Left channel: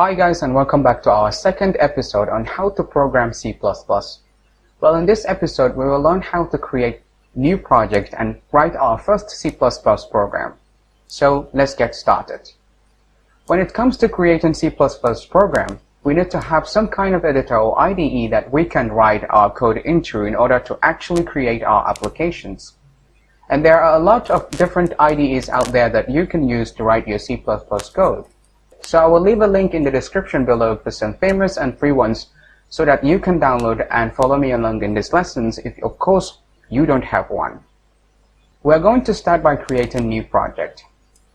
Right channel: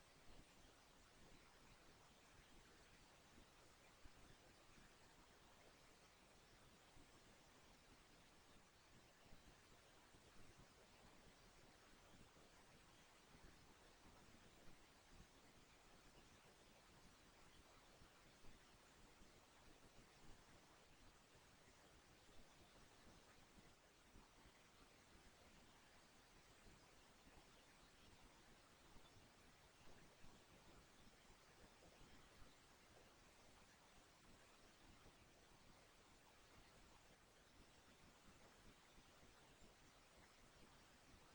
Hi guys, and welcome back to our second episode on how to program C++. Well, in this episode we will learn how to create new project and write our first C++ program. So let's get started. When it comes to creating C++ program, we need to have some kind of editor or IDE that we can write our code into in order to actually create our applications. And there are a lot of different IDEs out there that you can use to write your C++ code. So I will leave a link in the description below for some famous and free ones so that you can download and follow me along in these lessons if, of course, you don't have one. We're going to start by creating a new project.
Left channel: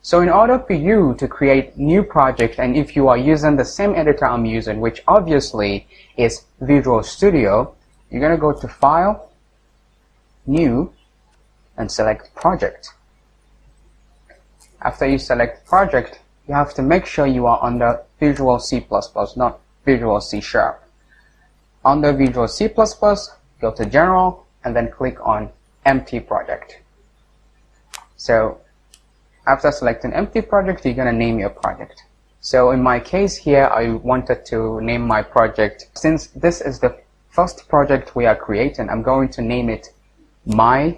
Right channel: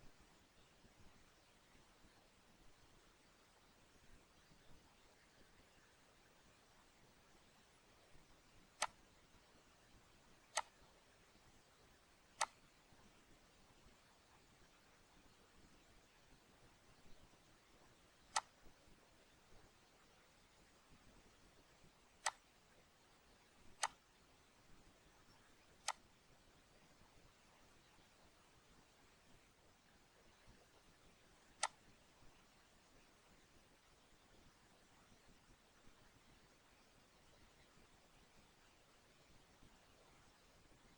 So in order for you to create new project, and if you are using the same editor I'm using, which obviously is Visual Studio, you're going to go to File, New, and select Project. After you select Project, you have to make sure you are under Visual C++, not Visual C#. Under Visual C++, go to General, and then click on Empty Project. So after selecting Empty Project, you're going to name your project. So in my case here, I wanted to name my project. Since this is the first project we are creating, I'm going to name it My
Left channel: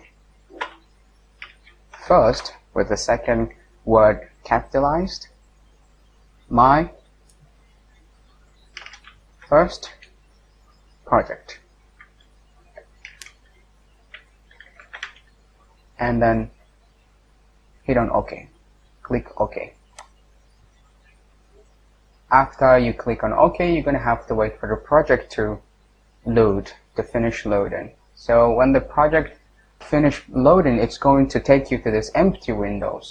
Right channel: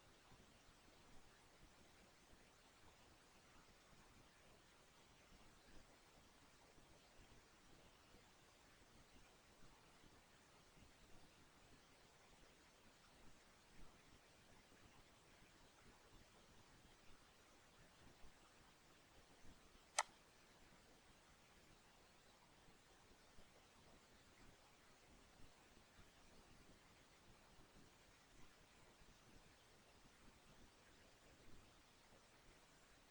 First, with the second word capitalized. My First Project. And then hit on OK. Click OK. After you click on OK, you're going to have to wait for the project to load, to finish loading. So when the project finish loading, it's going to take you to this empty window.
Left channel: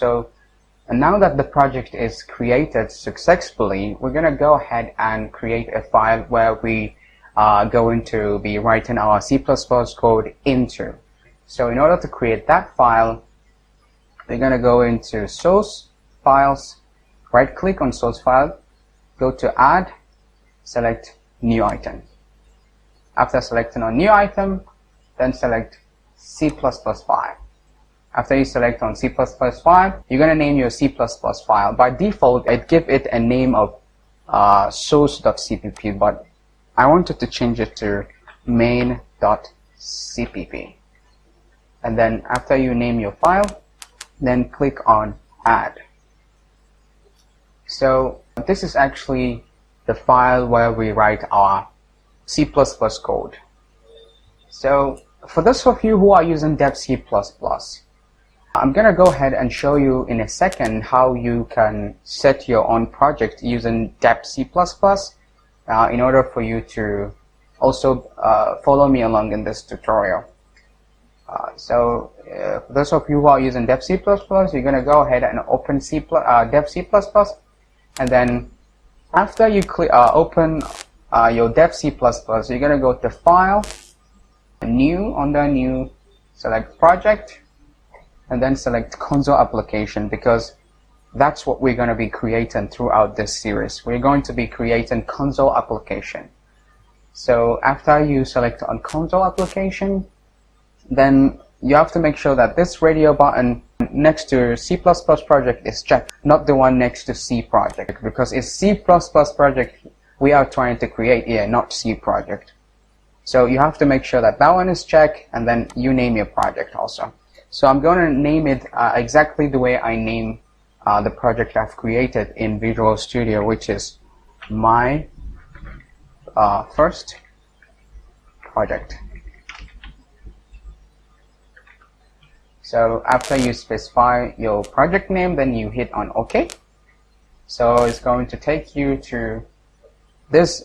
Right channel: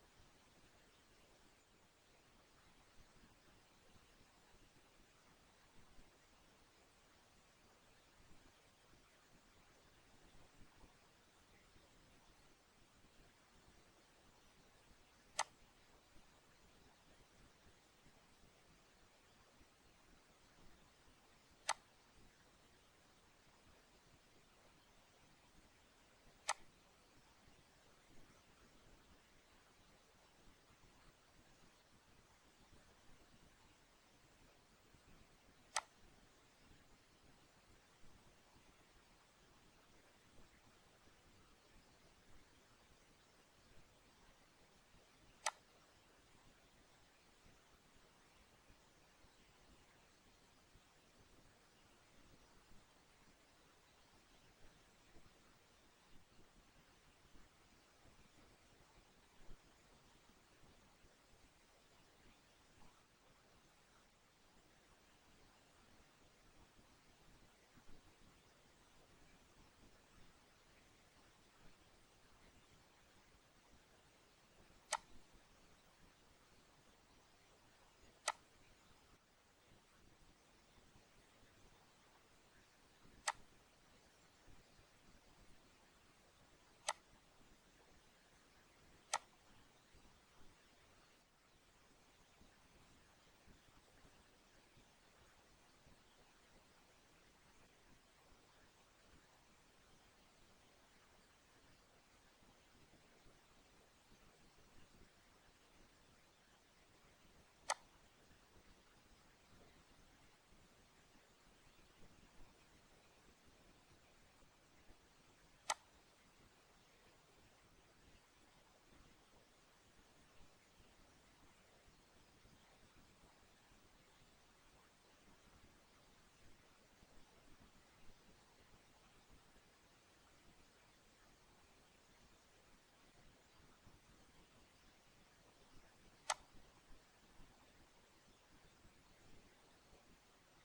And now that the project is created successfully, we're going to go ahead and create a file where we are going to be writing our C++ code into. So in order to create that file, we're going to go into Source, Files, right click on Source File, go to Add, select New Item. After selecting on New Item, then select C++ file. After you select on C++ file, you're going to name your C++ file. By default, I'd give it a name of source.cpp, but I wanted to change it to main.cpp. And then after you name your file, then click on Add. So this is actually the file where we write our C++ code. So for those of you who are using Dev C++, I'm going to go ahead and show you in a second how you can set your own project using Dev C++ in order for you to also follow me along in this tutorial. For those of you who are using Dev C++, you're going to go ahead and open Dev C++, and then after you open your Dev C++, you're going to go to File, New, under New, select Project, and then select Console Application, because that's what we're going to be creating throughout this series. We're going to be creating console application. So after you select on console application, then you have to make sure that this radio button next to C++ project is checked, not the one next to C project, because it's C++ project we are trying to create here, not C project. So you have to make sure that that one is checked, and then you name your project also. So I'm going to name it exactly the way I name the project I've created in Visual Studio, which is My First Project. So after you specify your project name, then you hit on OK. So it's going to take you to this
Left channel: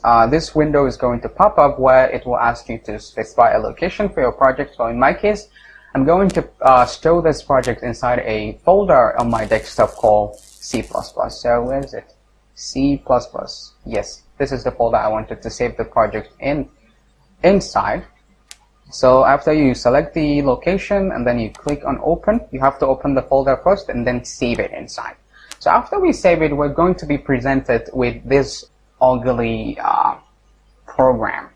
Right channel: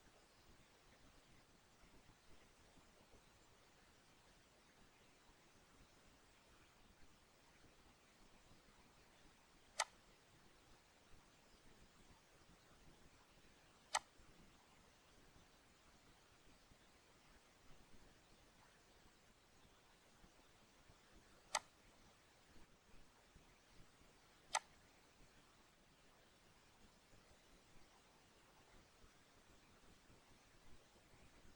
window is going to pop up where it will ask you to specify a location for your project. So in my case, I'm going to store this project inside a folder on my desktop called C++. So where is it? C++. Yes, this is the folder I wanted to save the project inside. So after you select the location and then you click on Open, you have to open the folder first and then save it inside. So after we save it, we're going to be presented with this ugly program,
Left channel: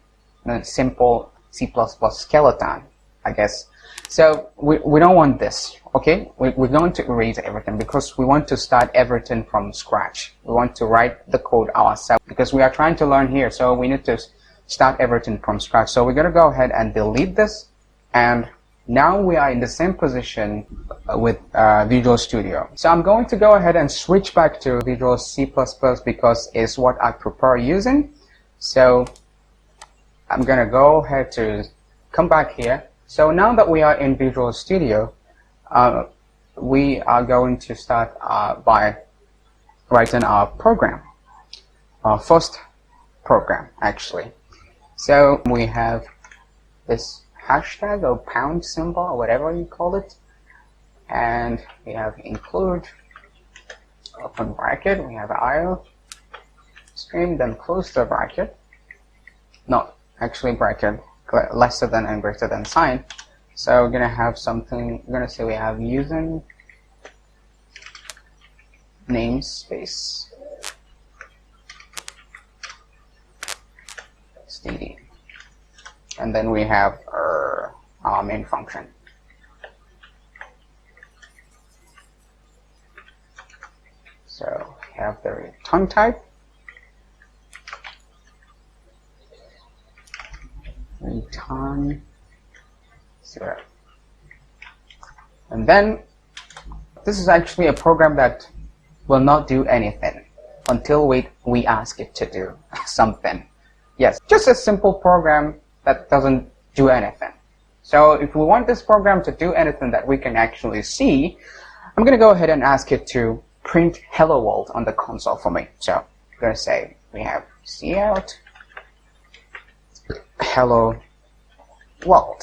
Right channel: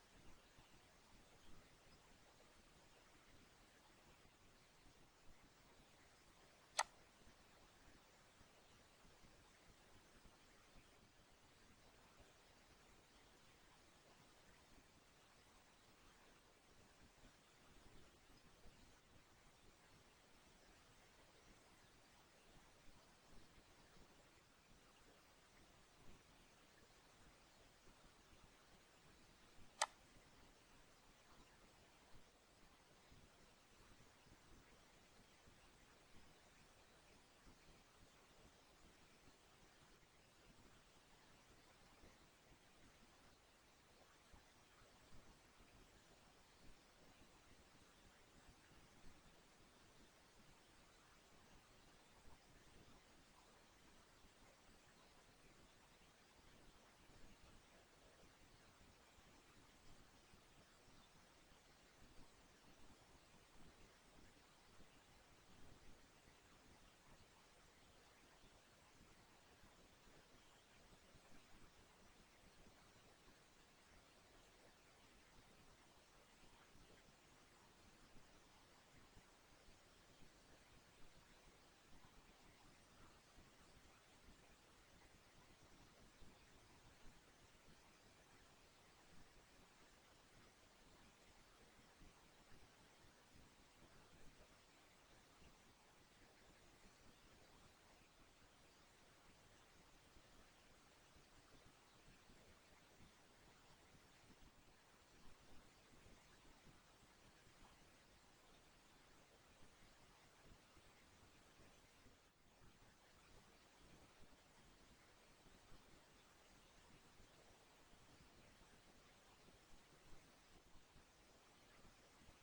a simple C++ skeleton, I guess. So we don't want this, okay? We're going to erase everything because we want to start everything from scratch. We want to write the code ourselves because we are trying to learn here, so we need to start everything from scratch. So we're going to go ahead and delete this, and now we are in the same position with Visual Studio. So I'm going to go ahead and switch back to Visual C++ because it's what I prefer using. So I'm going to go ahead to come back here. So now that we are in Visual Studio, we are going to start by writing our program, our first program actually. So we have this hashtag or pound symbol or whatever you call it, and we have include open bracket, we have IO stream, then close the bracket, not actually bracket, lesser than and greater than sign. So we're gonna have something, we're gonna say we have using namespace std, and then we have our main function. So we have the return type, return 0. And then this is actually a program that will not do anything until we ask it to do something. Yes, just a simple program that doesn't do anything. So if we want this program to do anything that we can actually see, I'm going to go ahead and ask it to print hello world on the console for me. So I'm going to say we have cout hello world.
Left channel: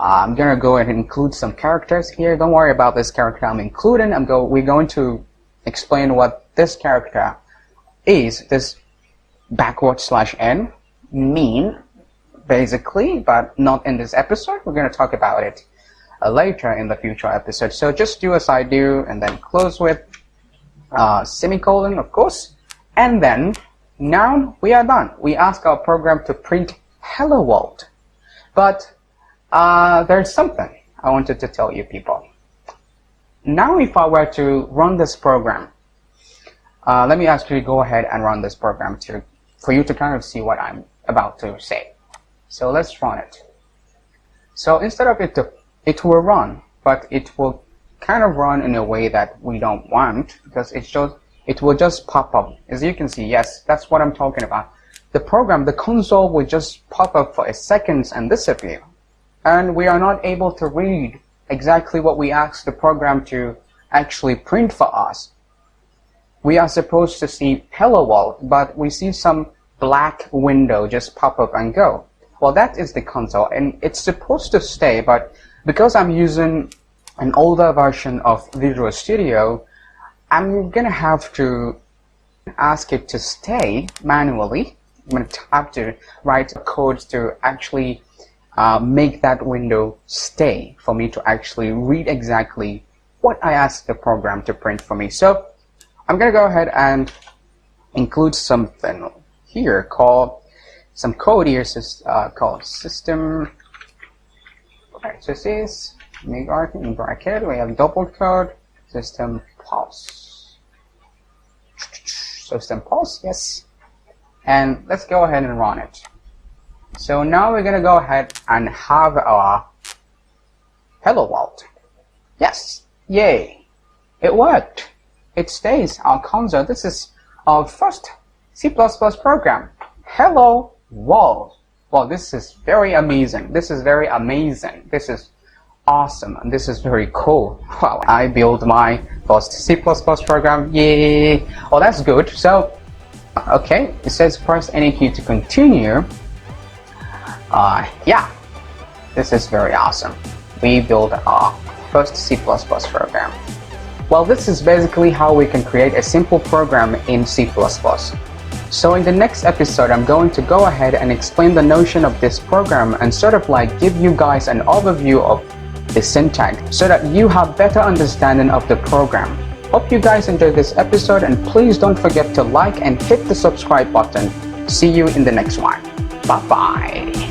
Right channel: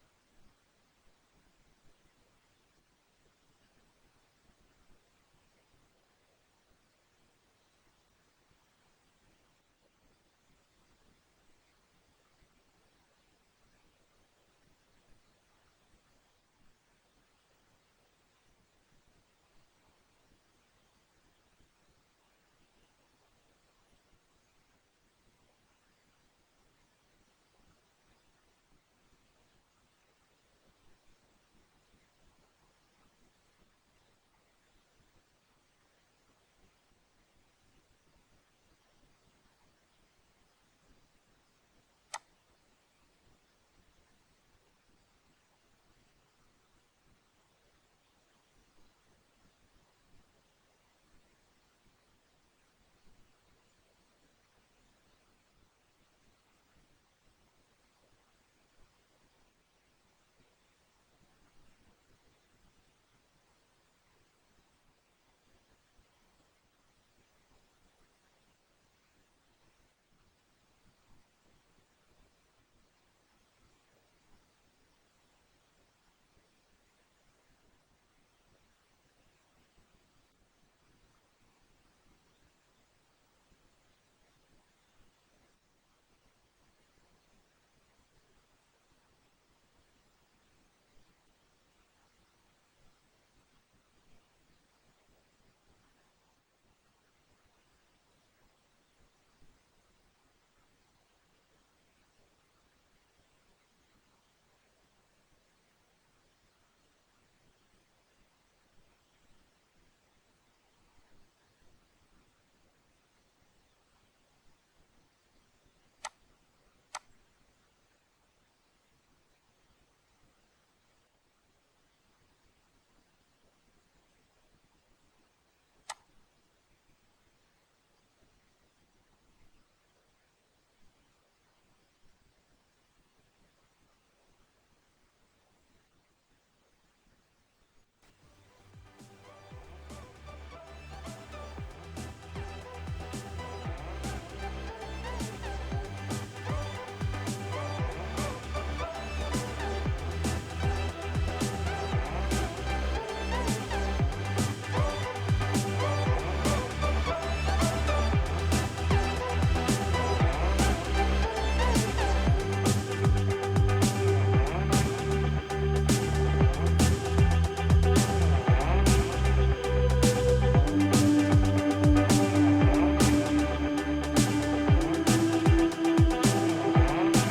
I'm going to go ahead and include some characters here. Don't worry about this character I'm including. We're going to explain what this character is, this /n mean basically, but not in this episode. We're going to talk about it later in the future episode. So just do as I do and then close with semicolon, of course, and then now we are done. We ask our program to print hello world, but there's something I wanted to tell you people. Now if I were to run this program, let me actually go ahead and run this program for you to kind of see what I'm about to say. So let's run it. So instead of it will run, but it will kind of run in a way that we don't want, because it will just pop up. As you can see, yes, that's what I'm talking about. The program, the console will just pop up for a second and disappear. And we are not able to read exactly what we asked the program to actually print for us. We are supposed to see hello world, but we see some black window just pop up and go. Well, that is the console, and it's supposed to stay, but because I'm using an older version of Visual Studio, I'm gonna have to ask it to stay manually. I'm gonna have to write code to actually make that window stay for me to actually read exactly what I asked the program to print for me. So I'm gonna go ahead and include something here called some code here called system parentheses make in bracket. We have double code system pulse, yes, and let's go ahead and run it. So now we're gonna go ahead and have our hello world. Yes, yay, it worked. It stays our console. This is our first C++ program. Hello world. Well, this is very amazing. This is very amazing. This is awesome, and this is very cool. Wow, I built my first C++ program. Yay! Oh, that's good. So, okay, it says press any key to continue. Yeah, this is very awesome. We built our first C++ program. Well, this is basically how we can create a simple program in C++. So in the next episode, I'm going to go ahead and explain the notion of this program and sort of like give you guys an overview of the syntax so that you have better understanding of the program. Hope you guys enjoyed this episode, and please don't forget to like and hit the subscribe button. See you in the next one. Bye-bye.